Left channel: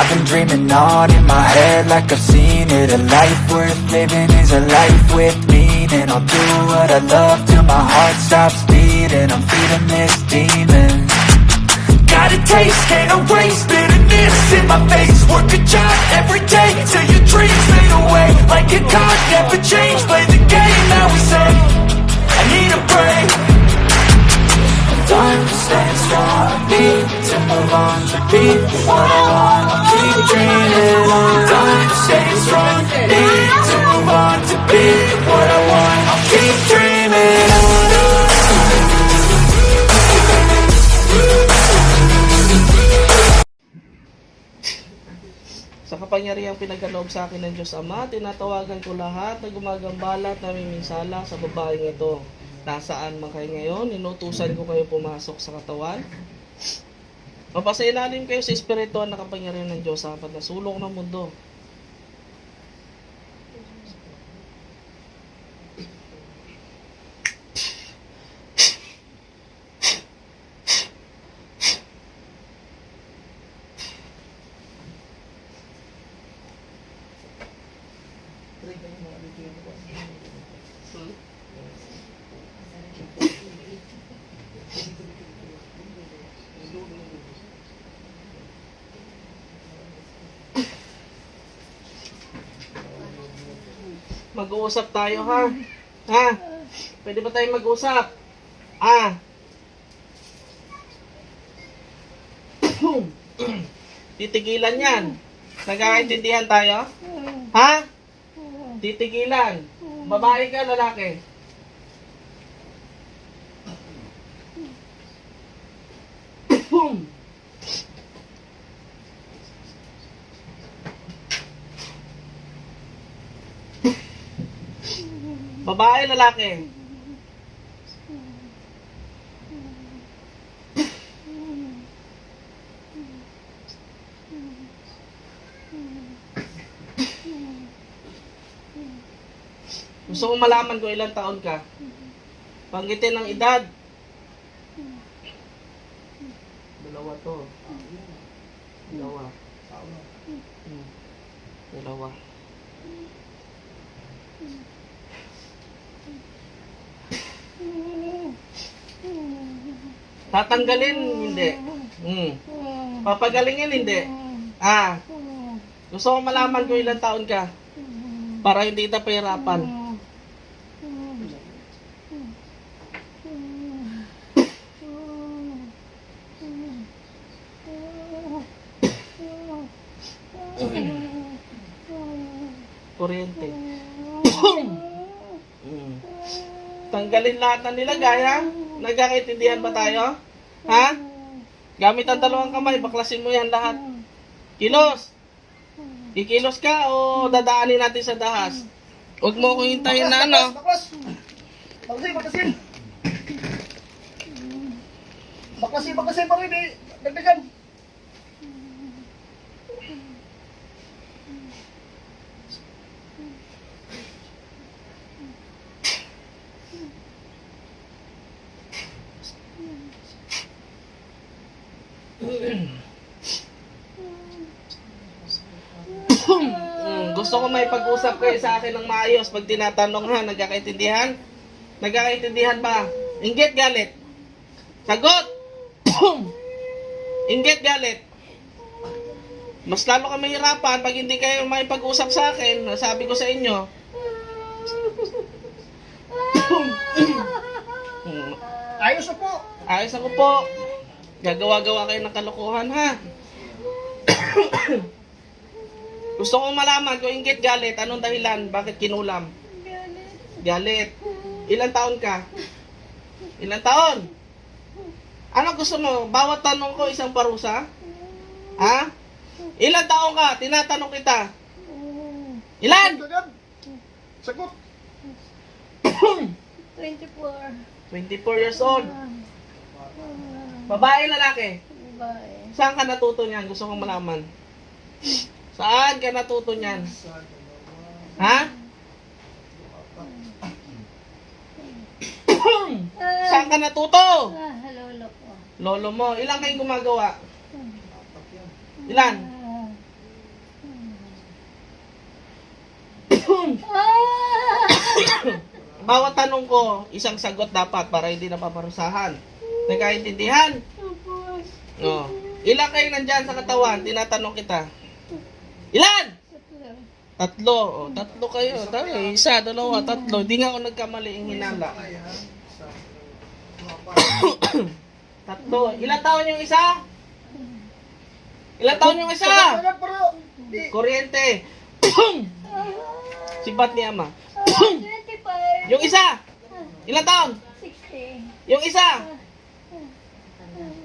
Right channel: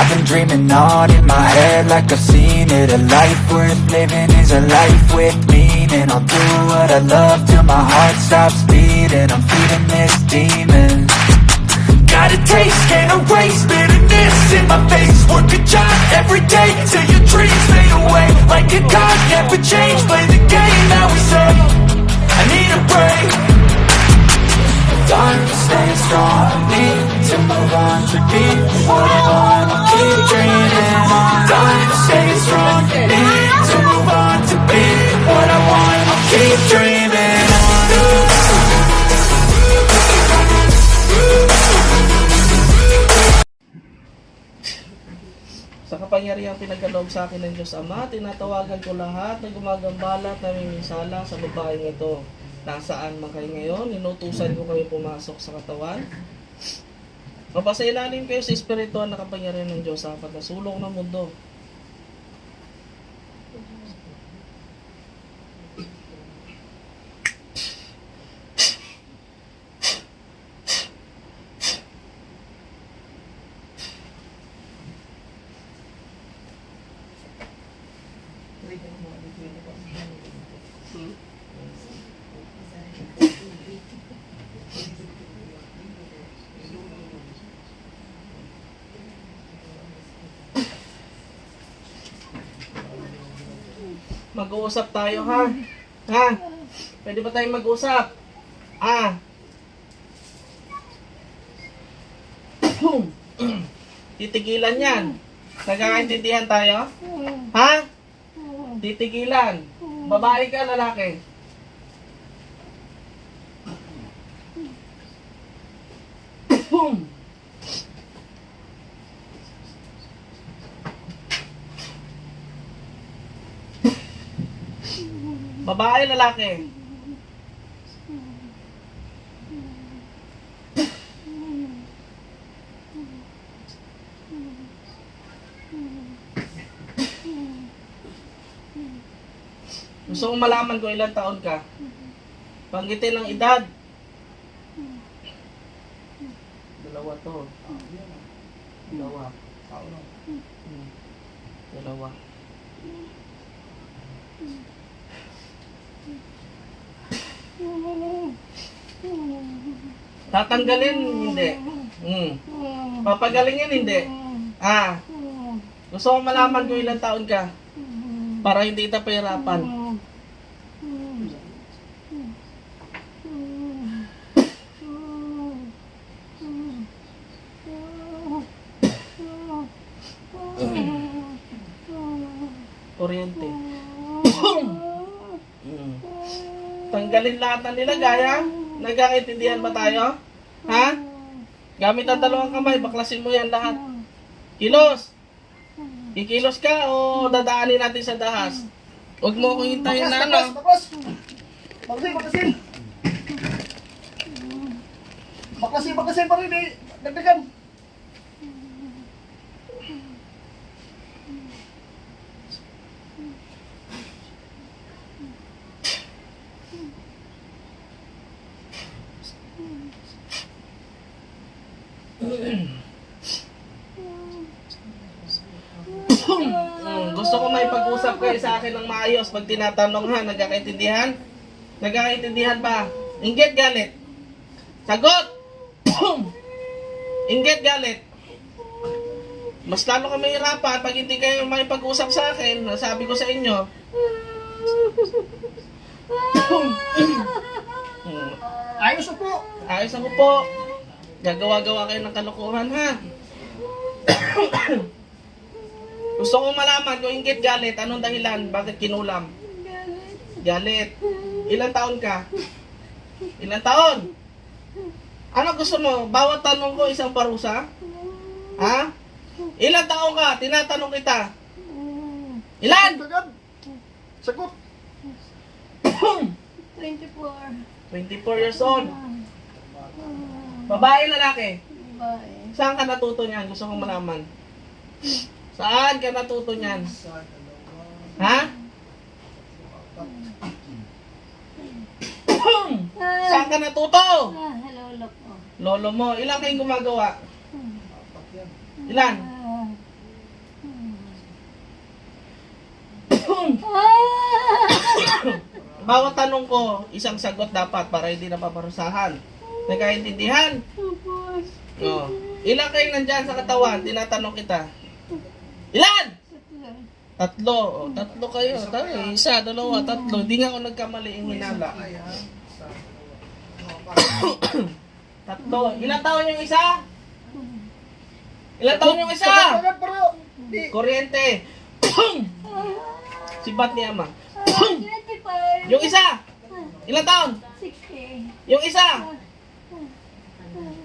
I've been dreaming on in my head like I've seen it. A life worth living is a life with meaning. I'll do what I love till my heart stops beating. I'm feeding this demon. Got a taste, can't erase bitterness in my face. Work a job every day till your dreams fade away. Like a card, never change. Play the game that we say. I need a break. Time to stay strong. Need to move on to be what I want. I'll keep dreaming on. Time to stay strong. Need to move on to be what I want. I'll keep dreaming on. Sa kapangyarihang pinagkaloob sa akin ng Diyos Ama, tinatawagan ko lahat na gumagambala at namiminsala sa babaeng ito. Nasaan man kayo ngayon, inutusan ko kayo pumasok sa katawan. Mapasailalim kayo sa espiritual na kapangyarihan ng Diyos sa pagkasulong ng mundo. Mag-uusap tayo, ha? Ha? Pwede ba tayong mag-usap? Titigilan yan. Nagkakaintindihan tayo? Ha? Titigilan. Babae ka, lalaki? Babae, lalaki? Gusto kong malaman kung ilang taon ka. Banggitin ang edad. Dalawa to. Dalawa. Dalawa. Tatanggalin, hindi. Papagalingin, hindi. Gusto kong malaman kung ilang taon ka. Para hindi kita pahirapan. Kuryente. Tanggalin lahat ng nilagay, ha? Nagkakaintindihan ba tayo? Ha? Gamit ang dalawang kamay, baklasin mo yan lahat. Kilos! Kikilos ka o dadaanin natin sa dahas? Huwag mo akong hintayin na, ano? Baklasin pa rin, eh. Dagdagan. Gusto ko may pag-usap kayo sa akin ng maayos pag tinatanong, ha? Nagkakaintindihan? Nagkakaintindihan ba? Inggit, galit? Sagot! Inggit, galit? Mas lalo ka mahirapan pag hindi kayo makipag-usap sa akin. Nasabi ko sa inyo. Ayos na po. Ayos ako po. Gagawa-gawa kayo ng kalokohan, ha? Gusto kong malaman kung inggit, galit. Anong dahilan? Bakit kinulam? Galit. Ilang taon ka? Ilang taon? Ano gusto mo? Bawat tanong ko isang parusa? Ha? Ilang taon ka? Tinatanong kita. Ilan? Sagot. 24. 24 years old. Babae, lalaki? Babae. Saan ka natuto niyan? Gusto kong malaman. Saan ka natuto niyan? Ha? Saan ka natuto? Lolo ko. Lolo mo. Ilan kayong gumagawa? Ilan? Bawat tanong ko, isang sagot dapat para hindi na paparusahan. Nagkaintindihan? Oo. Ilan kayo nandyan sa katawan? Tinatanong kita. Ilan? Tatlo. O, tatlo kayo. Dami. Isa, dalawa, tatlo. Di nga ako nagkamali yung hinala. Tatlo. Ilan taon yung isa? Ilan taon yung isa? Sagot pero, Kuryente. Sibat ni Ama. Yung isa? Ilan taon? Yung isa?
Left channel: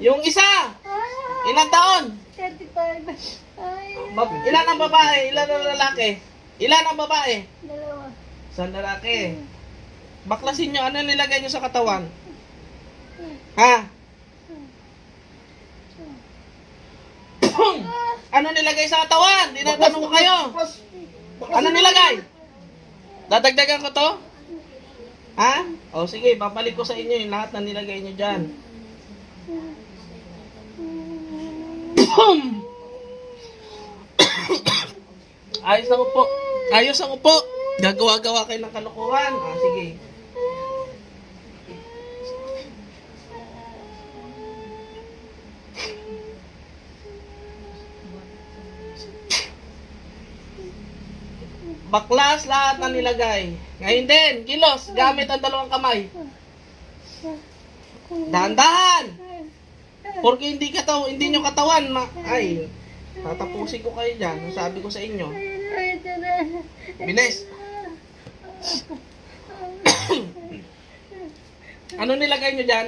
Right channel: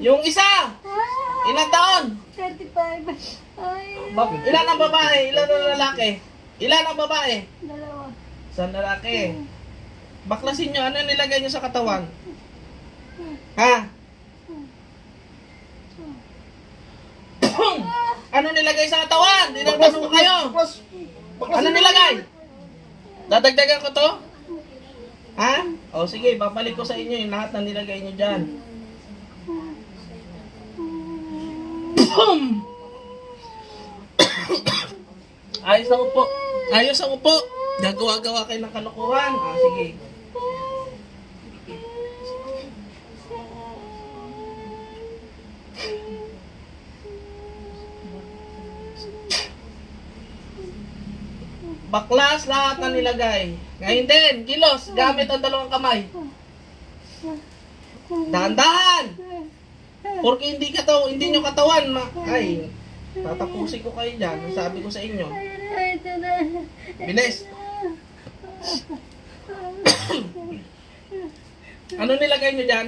Yung isa? Ilan taon? 35. Ilan ang babae? Ilan ang lalaki? Ilan ang babae? Dalawa. Sa lalaki. Baklasin nyo, ano nilagay nyo sa katawan? Ha? Ano nilagay sa katawan? Tinatanong ko kayo. Ano nilagay? Dadagdagan ko to? Ha? O sige, babalik ko sa inyo yung lahat na nilagay nyo dyan. Ayos ako po. Ayos ako po. Gagawa-gawa kayo ng kalokohan. Ah, sige. Baklas lahat na nilagay. Ngayon din, kilos, gamit ang dalawang kamay. Dahan-dahan! Porque hindi nyo katawan, ay, tatapusin ko kayo dyan. Sabi ko sa inyo. Bilis! Ano nilagay nyo dyan?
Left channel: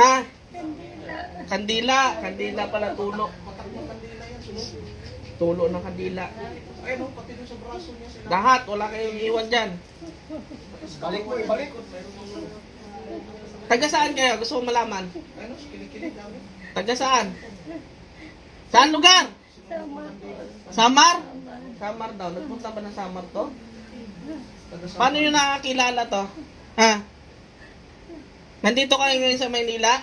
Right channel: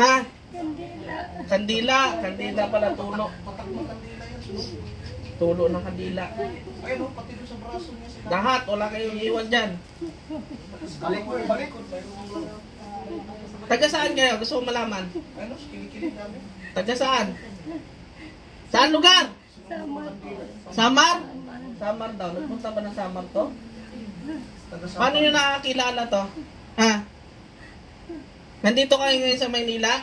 Ha? Kandila. Kandila pala, tulo. Tulo ng kandila. Lahat, wala kayong iwan dyan. balik mo, balik. Taga saan kayo? Gusto ko malaman. Taga saan? Saan lugar? Samar? Samar daw. Nagpunta ba ng Samar to? Paano nyo nakakilala to? Ha? Nandito kayo ngayon sa Maynila?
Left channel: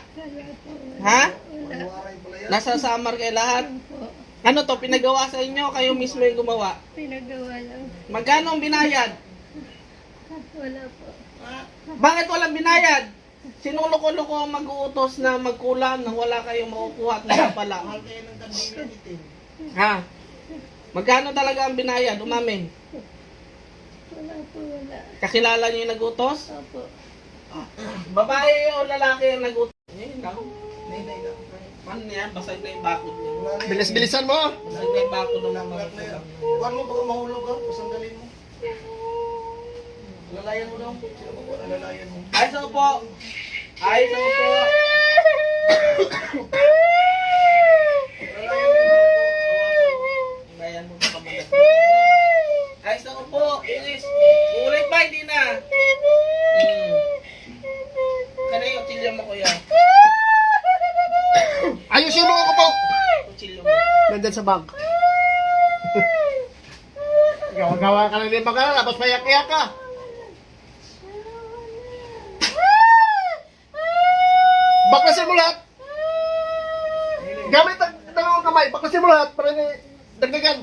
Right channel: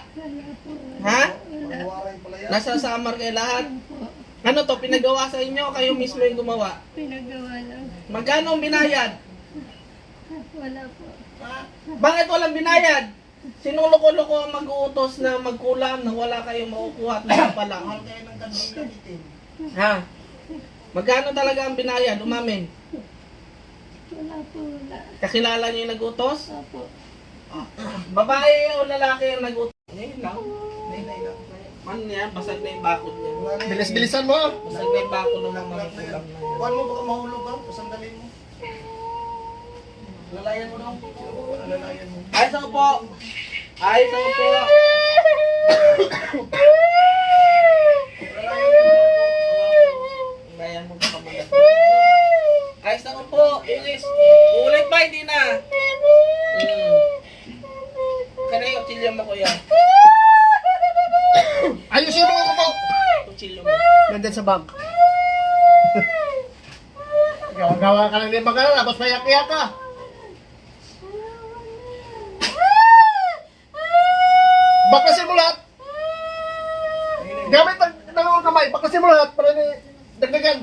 Ha? Nasa Samar kayo lahat? Ano to? Pinagawa sa inyo? Kayo mismo yung gumawa? Pinagawa lang. Magkano ang binayad? Wala po. Bakit walang binayad? Sinong loko-loko ang mag-uutos na magkulam na wala kayong makukuha at lahat pala? Ha? Magkano talaga ang binayad? Umamin. Wala po. Wala. Kakilala niyo yung nag-utos? Opo. Babae o lalaki ang nag-utos? Ngayon lang. Ano niya? Basag na yung bakod niya. Bilis-bilisan mo. Basag na yung bakod ng mga kulam na. Huwag mo baka mahulog ka. Pasandalin mo. Lalayan mo lang. Alalayan mo. Ayos ako po. Ayos ako po. Lalayan mo ka kamalas. Ayos ako po. Ilis. Ulit pa, hindi na. Kaya yung kutsilyo mo kuya. Ayusin mo ako po. Kutsilyo mo. Nandyan sa bag. Gawa ka lang din mag-alala. Tapos mayak-iyak ka. Bakasin mo lahat. Gamit ang dalawang kamay. Bakasin mo lahat para ni dagdagan.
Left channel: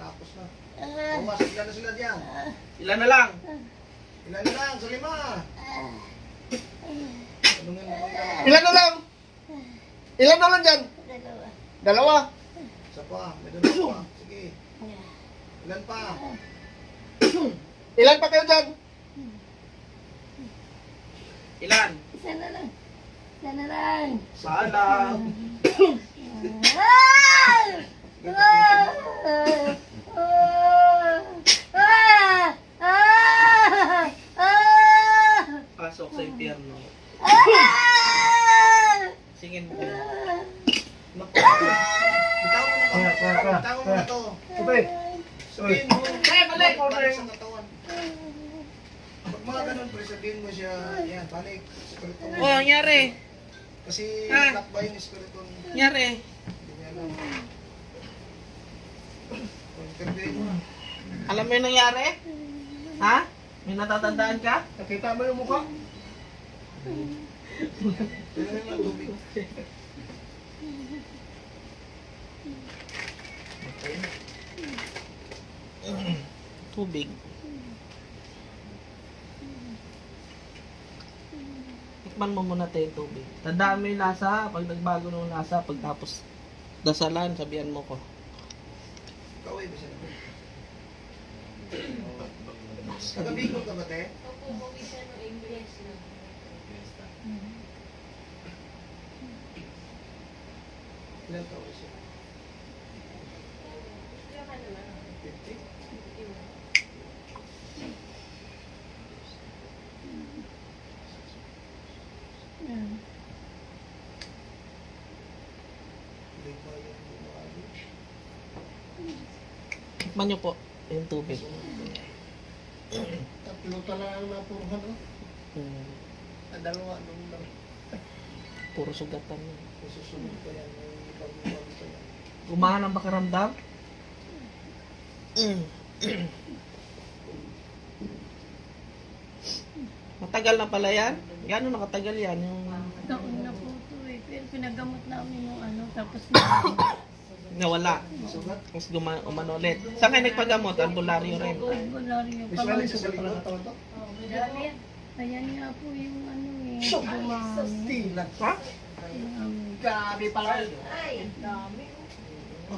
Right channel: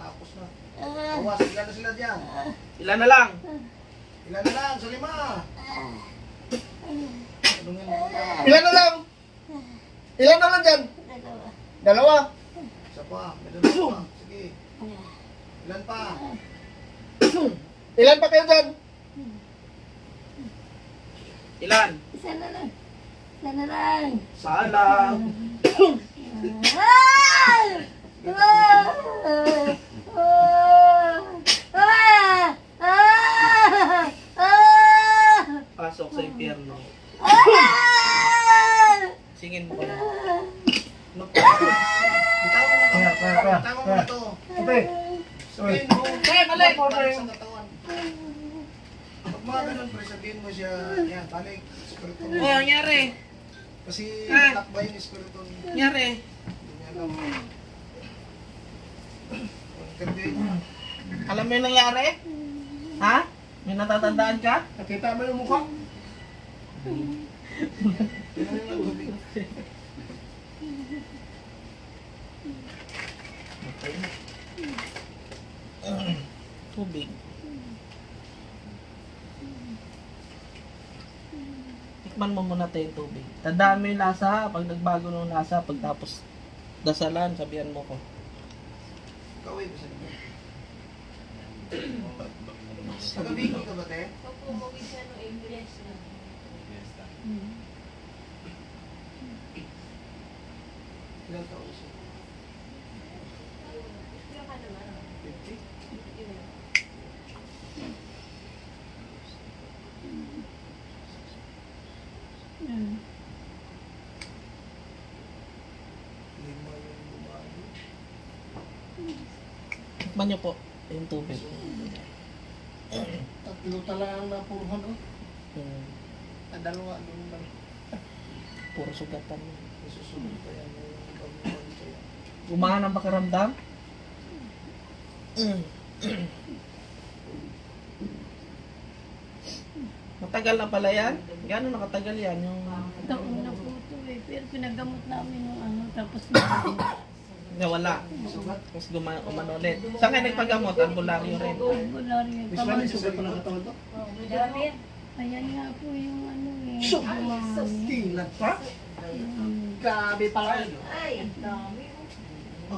Tapos na. Bawas, ilan na sila dyan? Ilan na lang? Ilan na lang? Sa 5. Ilan na lang? Ilan na lang dyan? Dalawa. Isa pa. May dalawa pa. Sige. Ilan pa? Ilan pa kayo dyan? Ilan? Isa na lang. Isa na lang. Salang. Pasok sa impyerno. Singin mo kaya. Bitaw mo na to. Bitaw mo na to. Okay. Sabihin mo. Pre, balik! Sa katawan. Pag mga ganun, pre, sabihin mo siya, yan, balik. Espiritu. Oh, nangyari. Kasi takba yung espiritu. Nangyari. Hindi niya alam. Interviewin mo. Alam mo yung nangyari? Ha? May natatandaan ka? Nakita mo yung mukha? Tubig. Tikman mo muna tayo yung tubig. Tandaan mo yung lasa. Pag nagbago ng lasa, pagtapos dasalan, sabihan mo ko. Kaway mo sila. Taga-Bicol ka ba, te? Ilan taon siya? 50? Lima yung lumalo. Tikman nyo po yung tubig. Tatlo talaga ang napuruhan, oh. Dalawa, doon lang. Puro sugatan yun. May susunod ka yan. May bago-bago ka yan. Gumaan ang pakiramdam? Matagal na pala yan? Gano'n nakatagal yan? Yung Taon na po ito eh. Pero pinagamot namin yung ano. Tapos nawala. Tapos umano ulit. Saan kayo nagpagamot? Albularyo rin. albularyo. Visually, sugat pa ng katawan to? Ayan nga po yung ano eh. Dumami. Tingnan ka? Dumami. Grabe pala yun.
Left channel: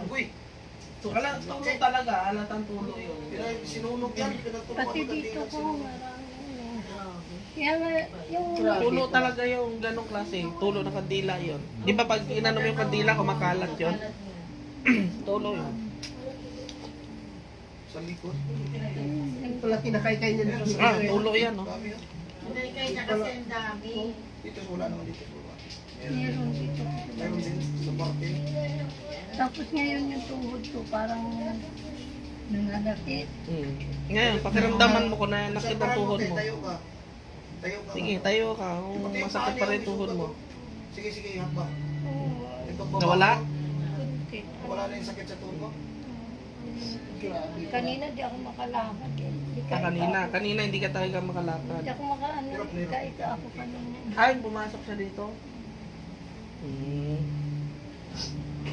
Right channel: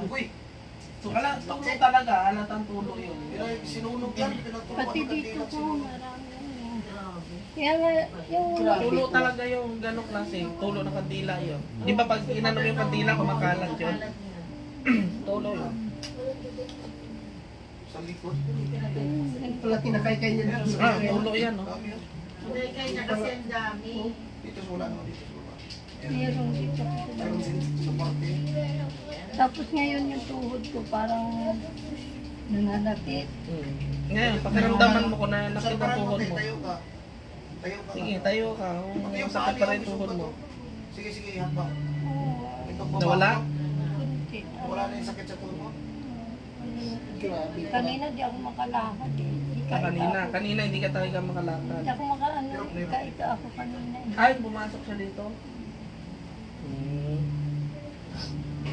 Uy, Tulo talaga. Alatang tulo yun. sinunog yan. Pinaturuan Pati ko ng dito tingnan, po sinunog. marami ano. Kaya nga yung Tulo talaga yung ganong klase. Tulo ng kandila yun. Di ba pag inano yung kandila, kumakalat yun? Tulo yun. Sa likod. Pala kinakaykay niya dito sa Ah, tulo yan. No? dami yan. Kay na kasi ang dami. Dito wala naman dito wala. meron dito. Meron din sa parte. Tapos ngayon yung tuhod ko parang nananakit. Ngayon, pakiramdaman mo ko na Sa nakit ang parang tuhod mo, mo. tayo ka. Tayo ka. Sige, tayo ka. Pati yung Sakit pa paa rin niya, tuhod mo. Sige, sige, hamba. Oo. May pagbaba Nawala? ka. Wala na yung sakit sa tuhod mo? Kanina di ako makalakad eh. Di Kanina hindi ka talaga makalakad. Hindi ako makaano. Ika ako kanina. Ay, bumasok siya dito.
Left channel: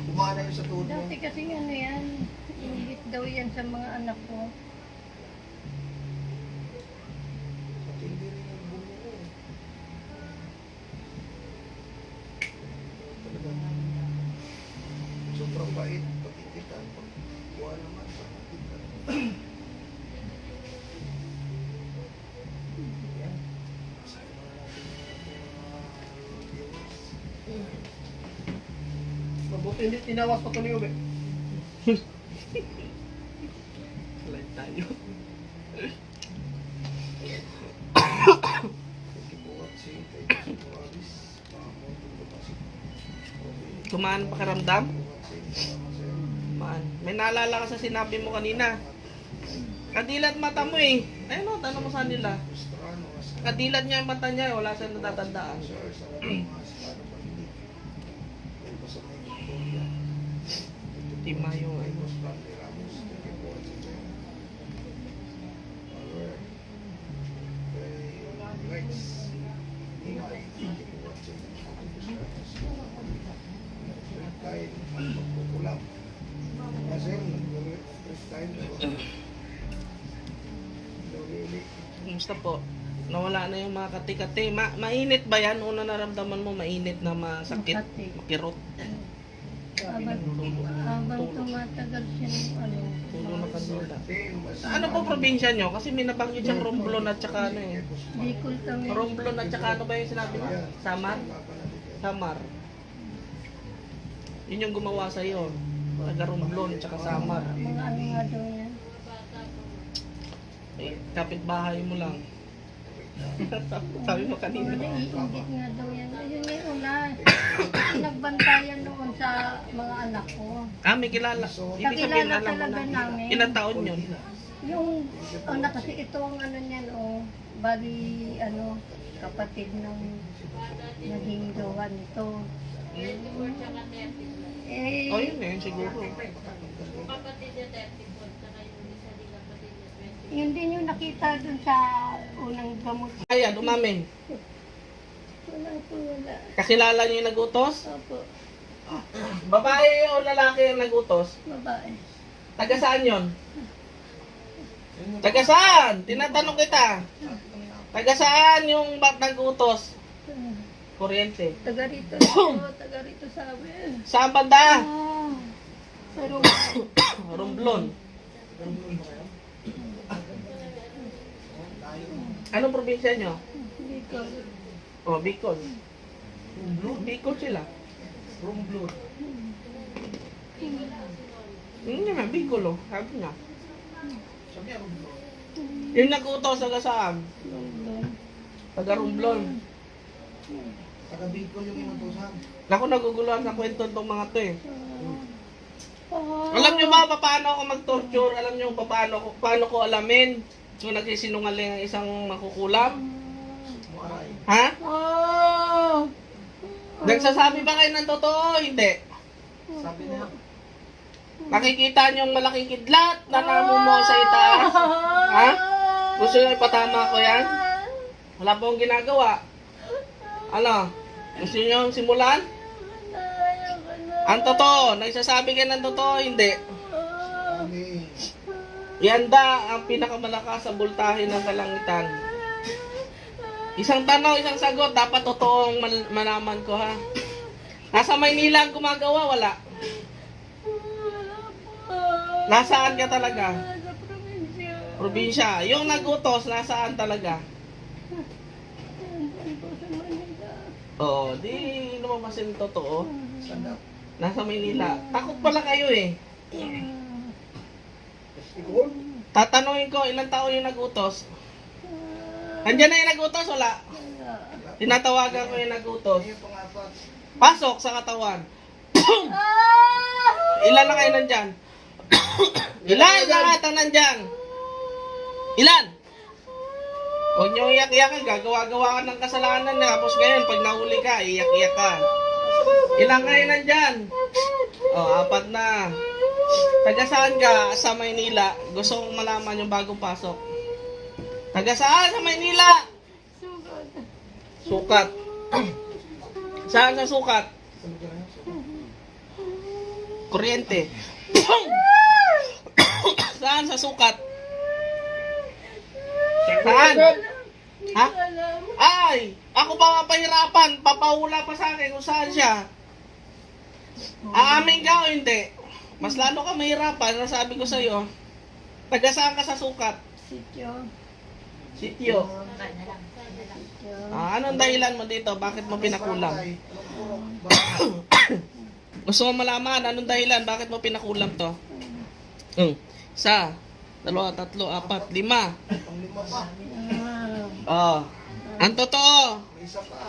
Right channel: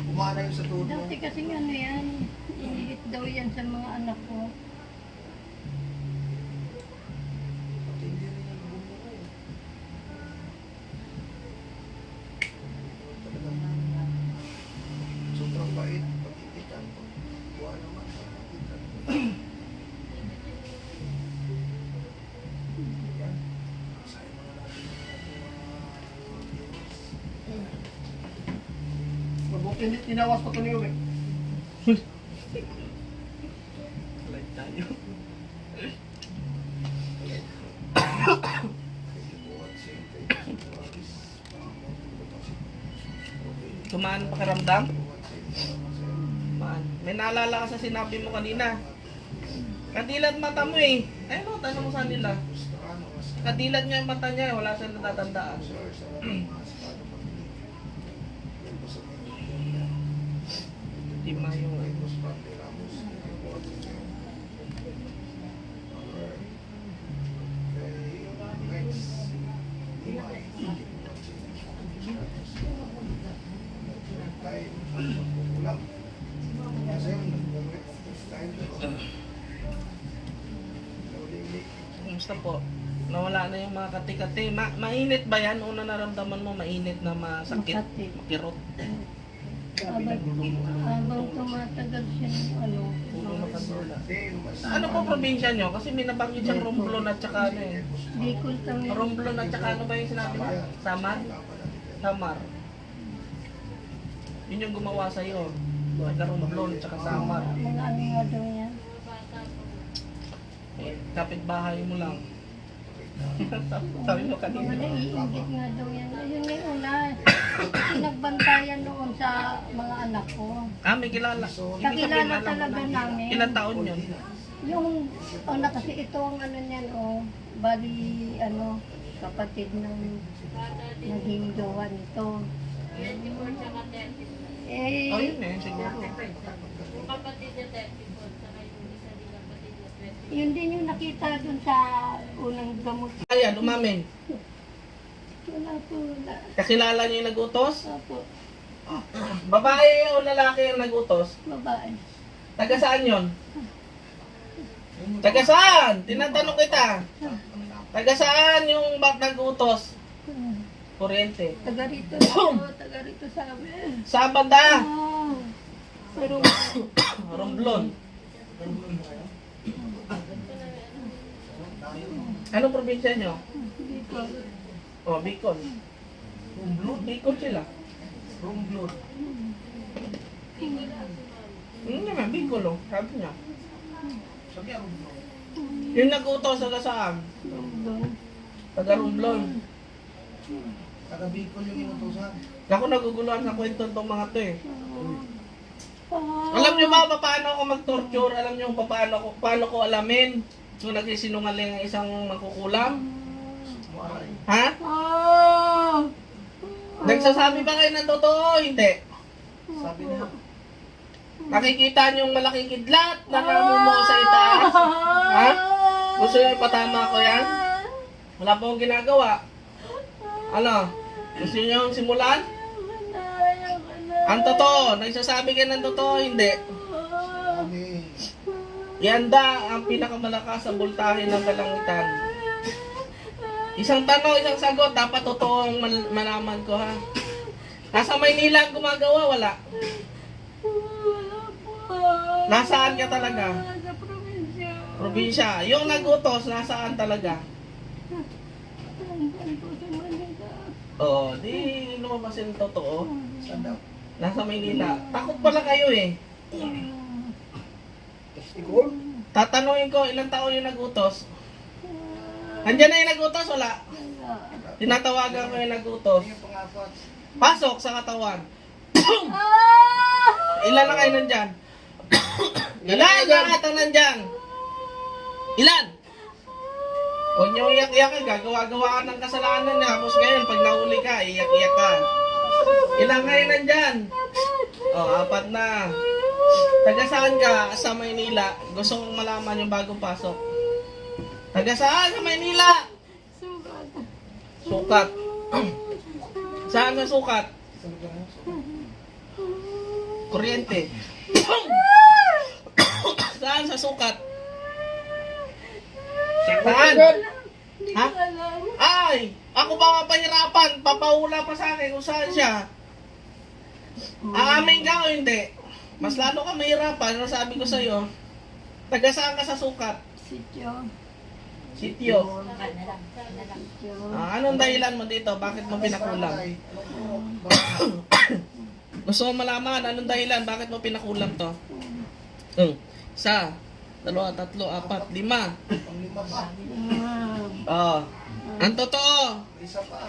Kumana yung sa tuhod mo. Dati kasi ano yan, inihit daw yan sa mga anak ko. Pati hindi rin ang bumuo. Sobrang bait. Pagkitikan. Pagkuha naman. Pagkitikan. Mabuti hindi tinawas pa kami ulit. Like tayo. Kumaan pakiramdam? Kumaan. May naalala ka sa sinabi mo kanina. Kadilat mata mo eh. Ayun mo, tanong mo sa nila. Kadilat niya yung mata niya, wala siyang natatandaan. Timayo eh. Kumusta po? Nawala na yung mga kati-kati. Mainit ba yan? Una naramdaman mo, mainit na masakit? Makati. Kirot? Habang tumatagal siya ng ano, Ano po probinsya nyo? Kasi may nabanggit siyang Romblon at saka ano eh. Bicol kami. Romblon at saka ano ba yung sinabi mo? Samar? Samar. Yun yung gumawa sa'yo. Taga Romblon at saka Samar. Mga ano nga daw yan. Eh, kapitbahay mo lang. Sabi mo Mga kanina. naiingit nga daw yan. Ayun nga yung una. Pinagbantayan noon sa mga anak ko. Ah, may kilala. Ibig sabihin, Kakilala alam mo talaga na. namin. Ilang taon yun? Yung una kasi ito ang ano niyan bali ano kapatid ng naging jowa nito. Oh, Eh, yun eh, siguro. Yun din yung nakita dun sa unang gamot. Ayan, umamin. Wala po, wala. Kakilala niyo yung nagutos? Opo, Babae o lalaki yung nagutos? babae. Taga saan yun? Taga saan? Tinatanong kita. Taga saan yung nagutos? Kuryente. Taga rito sa amin. Saan banda? Pero, Romblon. Anong probinsya nyo? dito, Oh, Bicol. Bicol sila. Romblon. Hindi nga, Bicol oh. Sabi niya. Sabi niya, Romblon. Yung nagutos taga saan? Taga Romblon. Taga Bicol yung inutusan. Ako naguguluhan sa kwento itong mga to eh. Alam niyo ba paano ako mag-torture? Alam niyo paano ko alamin kung nagsisinungaling ang isang makukulam? Muaray. Ha? Nagsasabi ba kayo ng totoo? Hindi. Sabi niya, Nakikita niyo yung malaking kidlat na namumuo sa itaas? Ha? Gusto niyo ipatama ko yan? Wala pa akong ginagawa. Ano? Gusto niyo yung simulan? Ang totoo, nagsasabi kayo ng totoo, hindi. kami, Ihanda ang pinakamalakas sa bultahe ng kalangitan. Isang tanong, isang sagot, dapat totoo ang malaman ko ha. Nasa Maynila ang gumagawa, wala. Nasaan ka talaga? sa probinsya. Probinsya. Yung nagutos, nasaan talaga? Saan po sa Manila? Oo, di lumabas yung totoo. saan daw? Nasa Maynila. Takot pala kayo eh. Tikol? Tatanungin ko, ilang taon yung nagutos? Andiyan na yung nagutos, wala. Tinatawagan ko yung nagutos. Yung pangapat. Pasok sa katawan. Ilan na kayo nandyan? Ilan na ata nandyan? Ilan? Huwag niyong iyak-iyak, gagawa-gawa ka ng kasalanan na. Tapos ngayon, pag nahuli ka, iyak-iyak ka. Ilan kayo nandyan? Oh, 4 na. Taga saan ka sa Maynila? Gusto kong malaman yung bagong pasok. Taga saan sa Maynila? Sukat. Saan sa sukat? Kuryente. Saan sa sukat? Saan? Ha? Ay! Ako ba nga pahirapan? Papahula pa sa akin kung saan siya. Aamin ka o hindi? Mas lalo ka mahirapan. Ano sabi ko sa'yo? Taga saan ka sa sukat? Sityo. Sityo. Sityo. Anong dahilan mo dito? Bakit mo pinakulam? Gusto mo malaman, anong dahilan? Bakit mo pinakulam to? 1, 2, 3, 4, 5. Panglima pa. Oh. Ang totoo, Isa pa.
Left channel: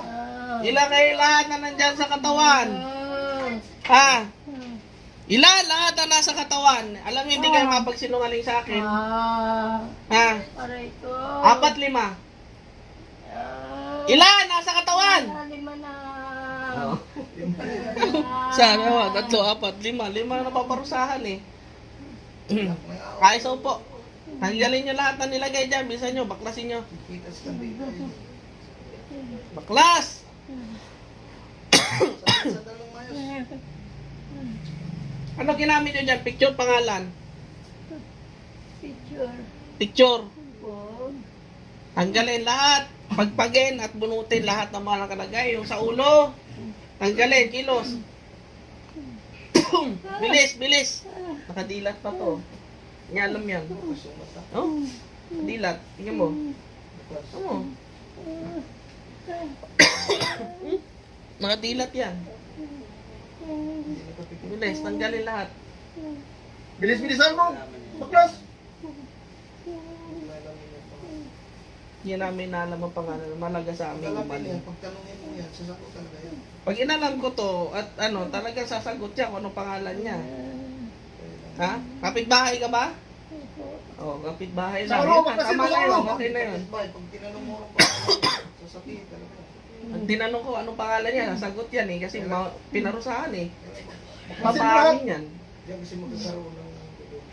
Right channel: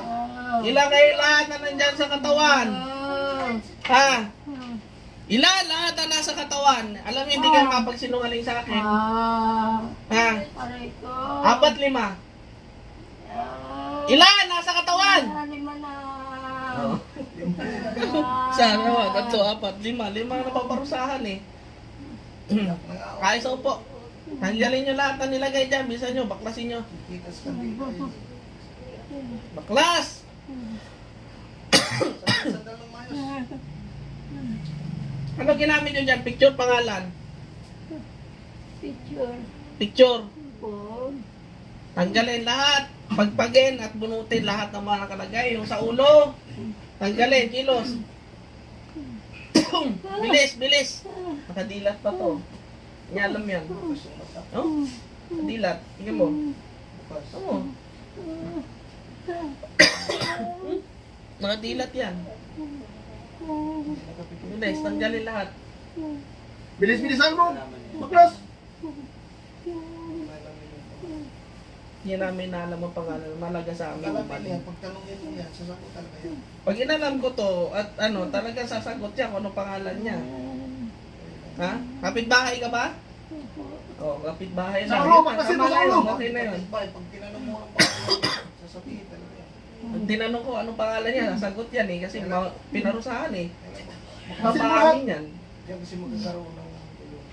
ilan kayo lahat na nandyan sa katawan? Ha? Ilan lahat na nasa katawan? Alam niyo, hindi ka makapagsinungaling sa akin. Ha? Aray ko. 4, 5. Ilan nasa katawan? 5 na. Saan? 3, 4, 5. 5 na paparusahan eh. Kaya sa upo. Tanggalin nyo lahat na nilagay dyan. Bisa nyo, baklasin nyo. Kita sa tabi. Baklas! Sa dalang mayos. Ano ginamit nyo dyan? Picture, pangalan. Picture. Picture. Phone. Tanggalin lahat. Pagpagin at bunutin lahat ng mga nakalagay. Yung sa ulo. Tanggalin, kilos. Bilis, bilis. Nakadilat pa to. Nyalam yan. No? Dilat. Tingnan mo. Oo. Nakadilat yan. Bilis, tanggalin lahat. Bilis-bilisan mo. Baklas. Hindi namin naalam ang pangalan. Malaga sa amin. Talamin yan. Pagtanongin mo yan, sasagot talaga yan. Pag inalam ko to, at ano, talaga sasagot siya kung ano pangalan niya. Ha? Kapitbahay ka ba? Oh, kapitbahay Sa na. ulo, baklasin mo sa ulo. Okay na yun. Pag tinanong mo ang pangalan, sasabihin talaga yan. Ang tinanong ko anong pangalan niya, sagot yan eh, kasi pinarusahan eh. Baklasin mo lahat. Mapapahin yan. Diyan kasi magkakaroon ng tulong.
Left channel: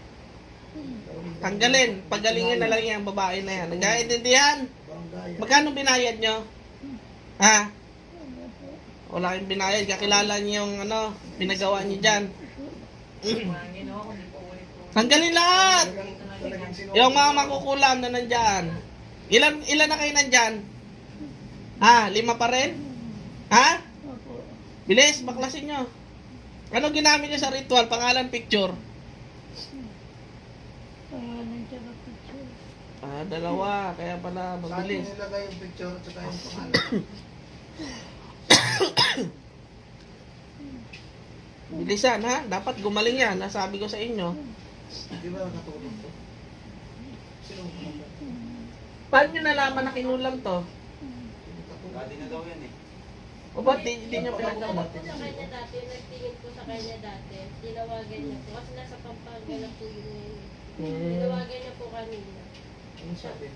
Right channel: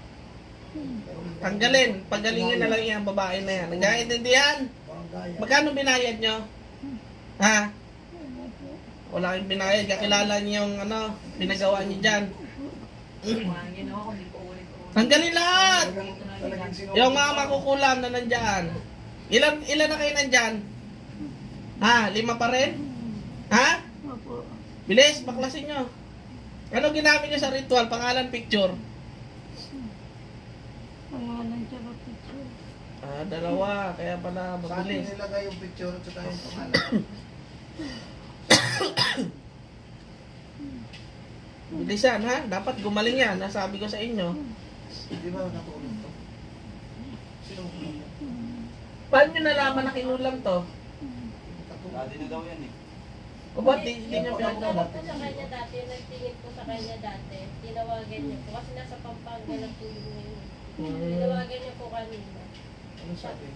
Tanggalin. Pagalingin na lang yung babae na yan. Nagkaintindihan? Barangay. Magkano binayad nyo? Ha? Wala kayong binayad. Kakilala niyo yung ano, pinagawa niyo dyan. Tanggalin lahat! Talagang sino? Yung mga makukulam na nandyan. Ilan na kayo nandyan? Ha? 5 pa rin? Ha? Opo. Bilis, baklasin nyo. Ano ginamit nyo sa ritual? Pangalan, picture. Pangalan tsaka picture. Ah, dalawa. Kaya pala Saan mabilis. nilagay yung picture at saka yung pangalan? Bilisan ha. Dapat gumaling yan. Nasabi ko sa inyo. Di ba natulog to? Sino? Paano nyo nalaman na kinulam to? Dati na daw yan eh. O ba't hindi nyo pinagdala? Ako sa kanya dati, nagtingin ko sa kanya dati, tinawagan niya po, kasi nasa Pampanga na po yun ngayon. Tinawagan niya po kanina. Ano sabi?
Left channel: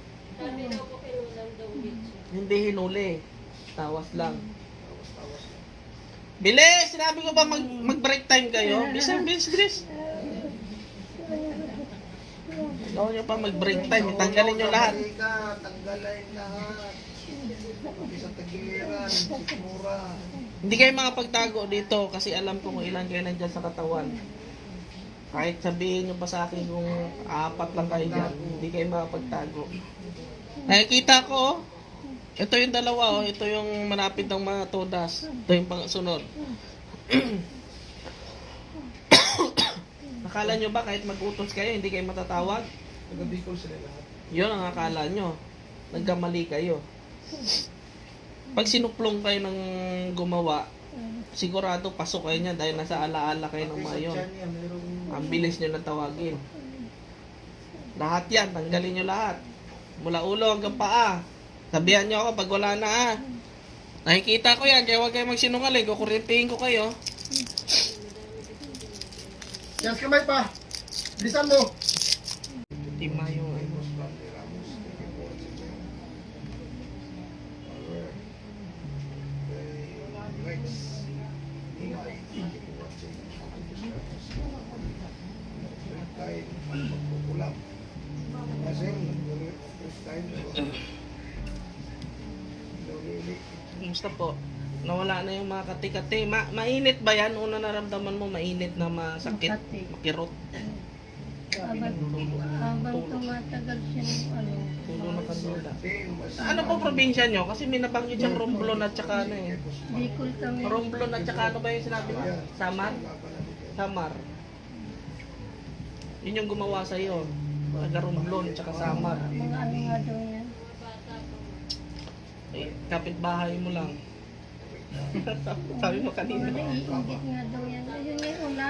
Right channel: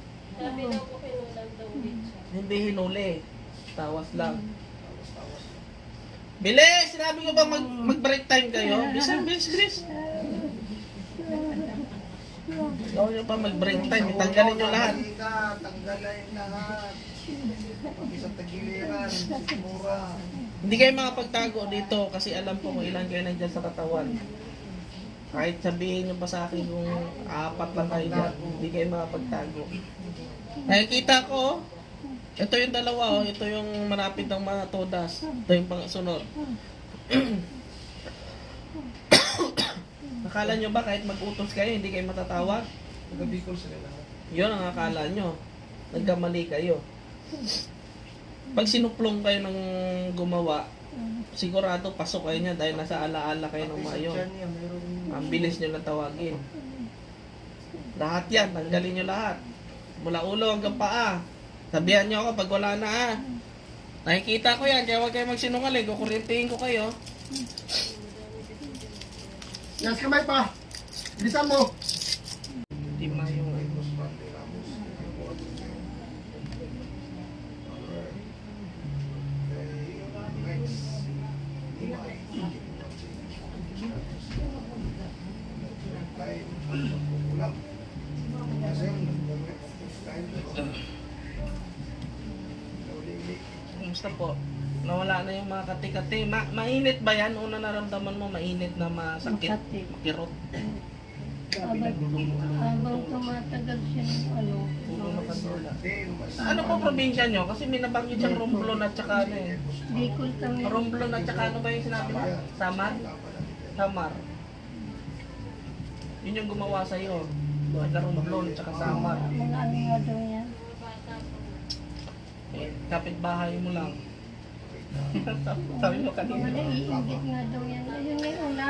Sabi daw po kinulang daw ulit siya. Hindi hinuli. Tawas lang. Tawas-tawas. Bilis! Sinabi ko ba mag-break time kayo? Bilis. Huwag nyo pa mag-break time. Tanggalin nyo lahat. Tanggalin lahat. Isang tagiliran, sikmura. Hindi kayo makapagtago dito kasi alam ko kung ilan kayo nandyan sa katawan. Kahit sabihin nyo pa sa akin kung 4 lang kayo dyan, hindi kayo makapagtago. Nakikita ko, ito yung dalawa, ito yung malapit ng mga todas. Ito yung pangsunod. Akala nyo ba kahit mag-utos kayo, hindi kayo matatawag? Taga-Bicol sila lahat. Yun ang akala nyo. Nagkamali kayo. Pag sinuplong kayo ng gumawa, sigurado pasok kayo niya dahil nasa alaala kayo ng mga yun. Diyan niya, mayroong... Ang bilis niya na tawagin. Lahat yan, tanggalin nyo lahat. Mula ulo hanggang paa. Sabihan nyo ako pag wala na ah. Nakikita ko yan, kaya huwag kayo magsinungaling. Kukurintihin ko kayo. Yes, kamay pa! Bilisan mo! Tima yung Kumusta po? Nawala na yung mga kati-kati. Mainit ba yan? Una naramdaman mo, mainit na masakit? Makati. Makirot? Habang tumatagal siya ng ano, Ano po probinsya nyo? Kasi may nabanggit siyang Romblon at saka ano eh. Bicol kami. Romblon at saka ano ba yung sinabi mo? Samar? Samar. Yun yung gumawa sa'yo. Taga Romblon at saka Samar. Mga ano nga daw yan. Eh, kapitbahay mo lang. Sabi mo Mga kanina. naiingit nga daw yan. Ayun nga yung una.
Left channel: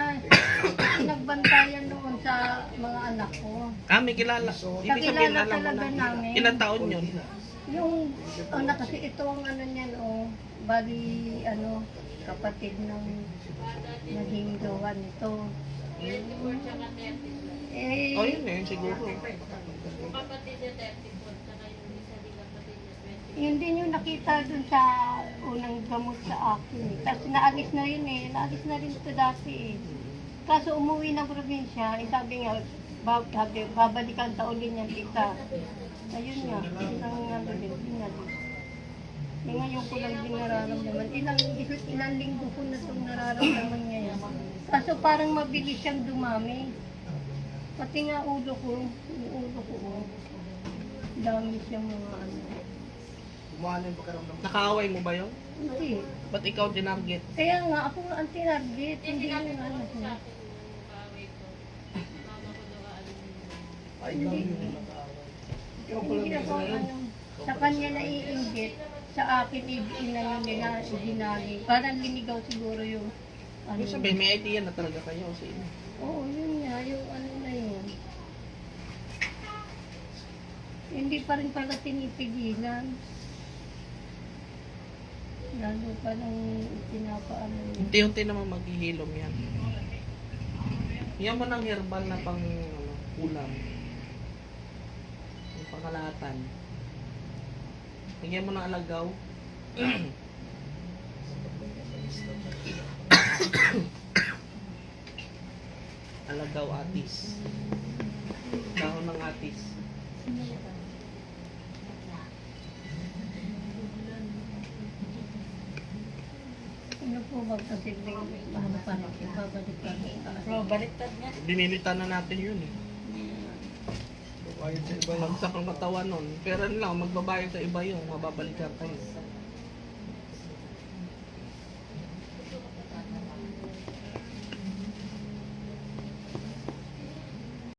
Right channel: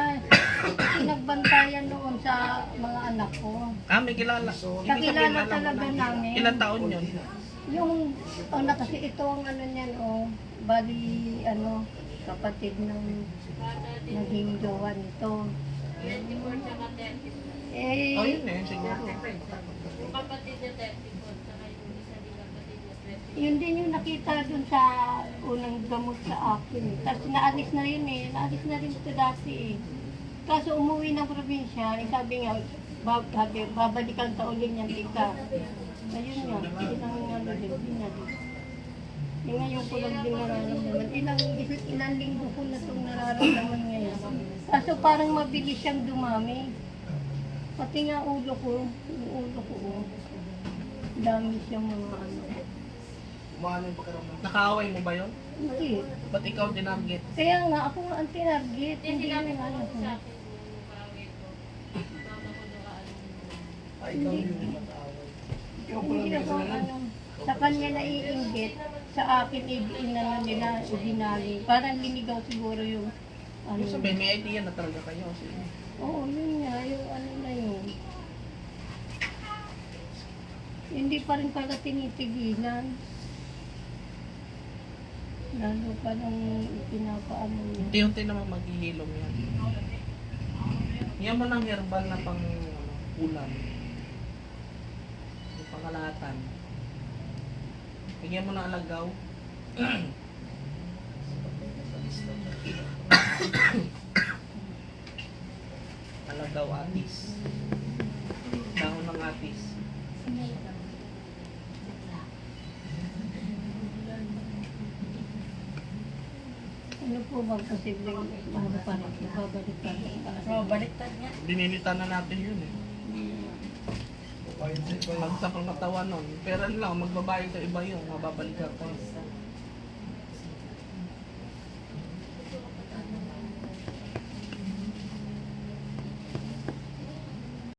Pinagbantayan noon sa mga anak ko. Ah, may kilala. Ibig sabihin, Kakilala alam mo talaga na. namin. Ilang taon yun? Yung, na kasi ito ang ano niyan, bali, kapatid ng naging jowa nito. 24 tsaka 30. Oh, Eh, yun eh, siguro. Yung kapatid niya 34, tsaka yung isa din kapatid niya 20. yun din yung nakita dun sa unang gamot sa akin. Tapos naalis na yun eh. Naalis na rin ito dati eh. Kaso umuwi ng probinsya, sabi nga, babalikan sa uli niyan tita. Ayun nga, ilang ano din, binalis. Eh ngayon ko lang din nararamdaman. Ilang linggo ko na itong nararamdaman ngayon. Kaso parang mabilis siyang dumami. Pati nga ulo ko, dami siyang mga ano. Umano yung pakiramdam. Nakaaway mo ba yun? Hindi. Ba't ikaw dinarget? Kaya nga, ako nga ang tinarget. Hindi yung ano ko. Ay, ikaw yung nag-aaway. Hindi ako ano, sa kanya naiinggit, sa akin inano nila, dinali. Parang linigaw siguro yung ano. Ibig sabihin, may idea na talaga kayo kasi Oo, yun nga, yung ano na yun. Hindi pa rin pala tinipigilan. Lalo pa nung pinapaano niya. unti-unti naman maghihilom yan. Yan ba ng herbal na pang ulam? Yung pangalatan. Bigyan mo ng alagaw. Alagaw atis. Kung magposibleng ano pa rin siya, babalik pa rin sa akin. So, baliktad niya. Dinilitan na natin yun eh. Bayad sa iba lang sa katawan nun. Pero ano lang, magbabayad sa iba yun, mababalikan tayo.